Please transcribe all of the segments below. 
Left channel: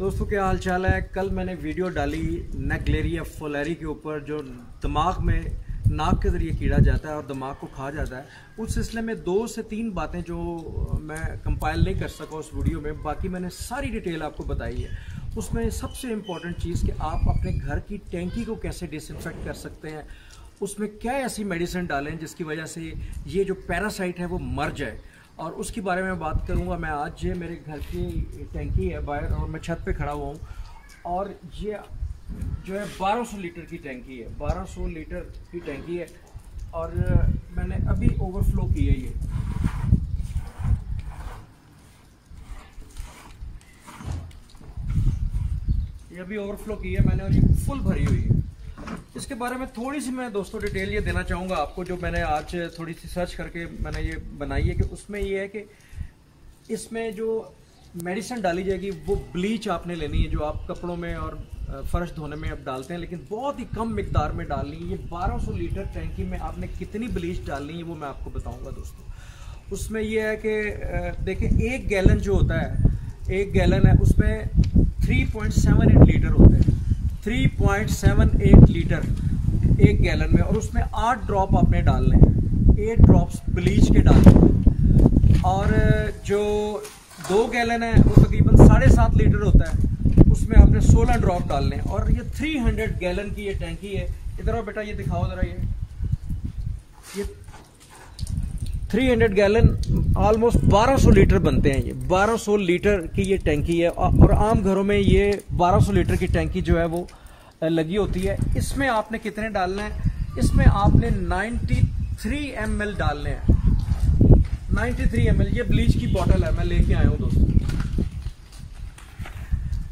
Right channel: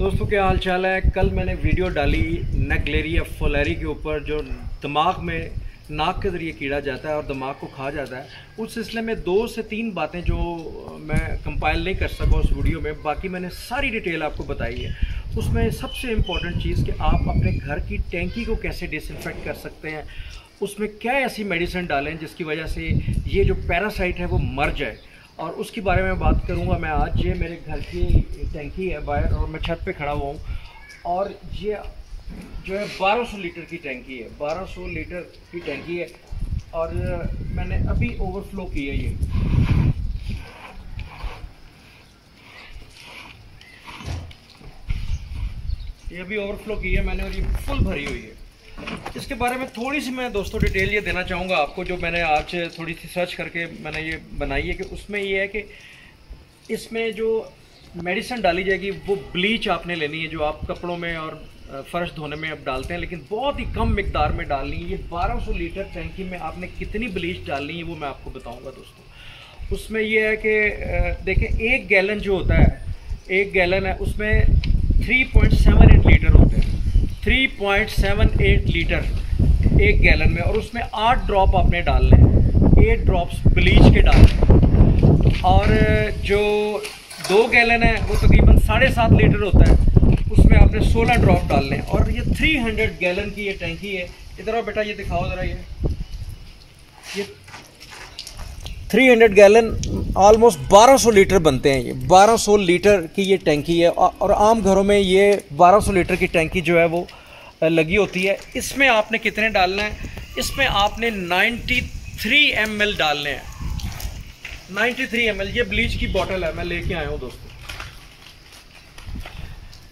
दोस्तों क्या हाल चाल है। कल मैंने वीडियो डाली नेग्लेरिया फोलेरी के ऊपर, जो दिमाग में नाक के ज़रिए कीड़ा जाता है और दिमाग को खा जाता है। उस सिलसिले में 2 से 3 बातें जो मैं कंपाइल नहीं कर सका उस वीडियो में, बाकी मैंने सारी डिटेल आपको बताई है। उसमें सबसे इम्पॉर्टेंट चीज़ कि आप अपने घर की टैंकी को कैसे डिसइंफेक्ट कर सकते हैं, उसमें क्या ऐसी मेडिसिन डालें जिसकी वजह से ये जो पैरासाइट है वो मर जाए, और उसके बारे में बात करूंगा मैं आज। ये मेरे घर की टैंकी है बाहर और मैं छत पे खड़ा हुआ हूँ, और ये जो है 1200 लीटर की टैंकी है, 1200 लीटर की टैंकी है। और मैंने अभी ओवरफ्लो की है ये अभी ओवरफ्लो की है मैंने, और ये फुल भरी हुई है। इसके बारे में थोड़ी सी मैं दोस्तों डिटेल ये देना चाहूँगा आपको, जो मैंने आज थोड़ी सी सर्च करके मैंने ये बनाई है। कि उसमें ये है कि इसमें जो मेडिसिन डाली जाएगी वो ब्लीच आपने लेनी है, जो आप कपड़ों में और फर्श धोने में आप डालते हैं, लेकिन बहुत ही कम मिकदार में डालनी है। ये 1200 लीटर टैंकी में आपने कितनी ब्लीच डालनी है वो मैं आपको बताऊँगा दोस्तों। उसमें ये है कि देखें, 1 गैलन जो होता है, 1 गैलन है, उसमें 3.78 लीटर होते हैं। 3.78 लीटर 1 गैलन में, और उसमें 8 ड्रॉप आपने डालने हैं, 8 ड्रॉप्स ब्लीच के डालने हैं। और जो 2 गैलन है वो तकरीबन 7.5 लीटर होता है, उसमें आपने 16 ड्रॉप डालने हैं। और ये 300 गैलन की ये टैंकी है। इधर आओ बेटा, ये दिखाओ ज़रा। ये 300 गैलन ऑलमोस्ट 1200 लीटर बनते हैं। ये 1200 लीटर की ये टैंकी है, और आम घरों में ये 1200 लीटर की टैंकी जो है वो लगी होती है। इसमें आपने कितने डालना है? इसमें आपने 93 ml डालने हैं। 93 ml ये ब्लीच की बोतल है, मैं लेके आया हूँ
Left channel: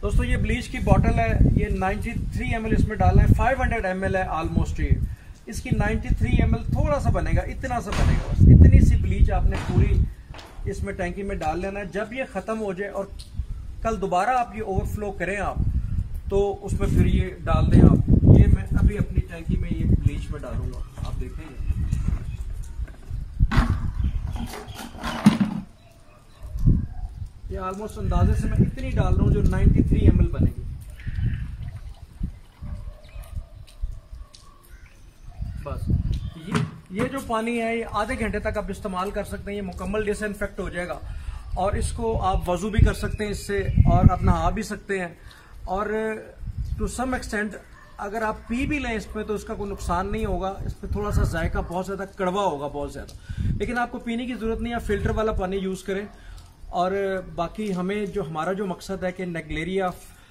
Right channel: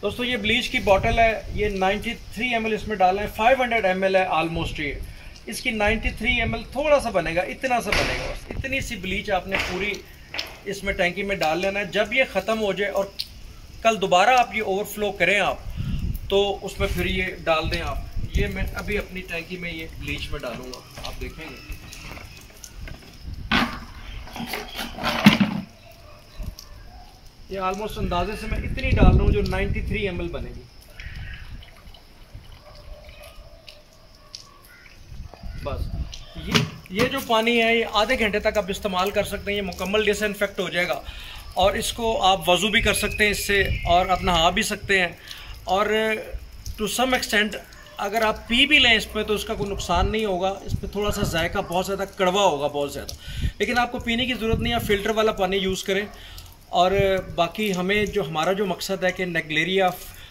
दोस्तों ये ब्लीच की बोतल है। ये 93 ml इसमें डालना है। 500 ml है ऑलमोस्ट ये। इसकी 93 ml थोड़ा सा बनेगा, इतना सा बनेगा बस। इतनी सी ब्लीच आपने पूरी इसमें टैंकी में डाल लेना है। जब ये ख़त्म हो जाए और कल दोबारा आप ये ओवरफ्लो करें आप, तो उसमें फिर ये डाल दें आप। ये मैं अभी अपनी टैंकी में ये ब्लीच में डालूंगा, आप देखेंगे। ये ऑलमोस्ट अंदाजे से मैं इतनी डाल रहा हूँ जो 93 ml बनेगी। बस ये जो पानी है ये आधे घंटे तक आप इस्तेमाल कर सकते हैं। ये मुकम्मल डिसइंफेक्ट हो जाएगा, और इसको आप वज़ू भी कर सकते हैं इससे, और आप नहा भी सकते हैं। और टू सम एक्सटेंट अगर आप पी भी लें इसमें तो उसका कोई नुकसान नहीं होगा। इसमें थोड़ा सा जायका बहुत ज़्यादा कड़वा होगा, बहुत ज़्यादा, लेकिन आपको पीने की ज़रूरत नहीं है। फ़िल्टर वाला पानी यूज़ करें। और बाकी हमारा जो मकसद है कि नेग्लेरिया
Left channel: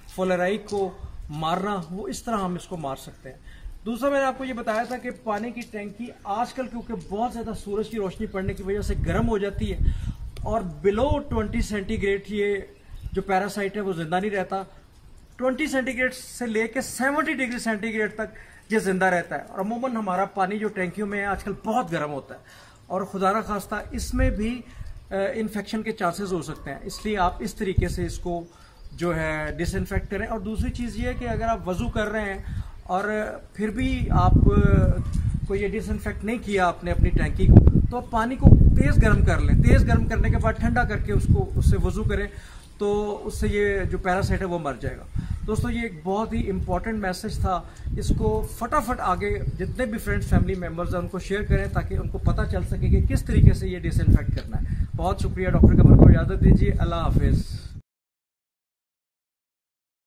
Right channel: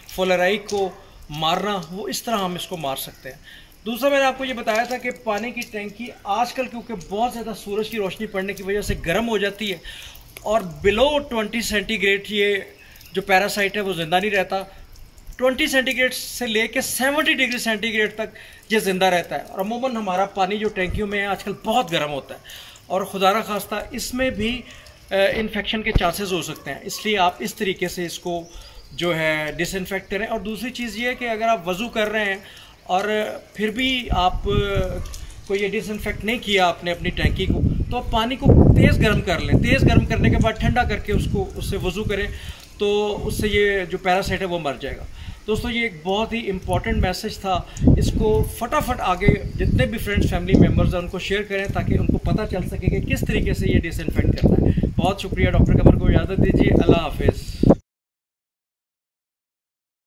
फोलेरी को मारना, वो इस तरह हम इसको मार सकते हैं। दूसरा मैंने आपको ये बताया था कि पानी की टैंकी आजकल क्योंकि बहुत ज़्यादा सूरज की रोशनी पड़ने की वजह से गर्म हो जाती है, और बिलो 20 सेंटीग्रेड ये जो पैरासाइट है वो ज़िंदा नहीं रहता। 20 सेंटीग्रेड से लेके 70 डिग्री सेंटीग्रेड तक ये ज़िंदा रहता है। और अमूमन हमारा पानी जो टैंकियों में है आजकल बहुत गर्म होता है, और खुदा न खास्ता इसमें भी इन्फेक्शन के चांसेस हो सकते हैं। इसलिए आप इस तरीके से इसको जो है डिसइंफेक्ट करें। और दूसरी चीज़ ये है कि अगर आप वज़ू कर रहे हैं और फिर भी आप को ये डिसइंफेक्ट नहीं किया आपने अपनी टैंकी को, तो आप पानी को तेज़ गर्म कर लें। तेज़ गर्म करने के बाद ठंडा करके उससे वज़ू करें, तो उससे ये जो पैरासाइट है वो मर जाएगा। दोस्तों ये एक बहुत ही इम्पॉर्टेंट मैसेज था। इसको फटाफट आगे जितने भी फ्रेंड्स फैमिली मेम्बर्स हैं उनको शेयर करें, ताकि उनको पता चल सके कि किस तरीके से ये डिसइंफेक्ट करना है। बहुत शुक्रिया। डॉक्टर कमर को इजाज़त दीजिए। अल्लाह हाफिज़।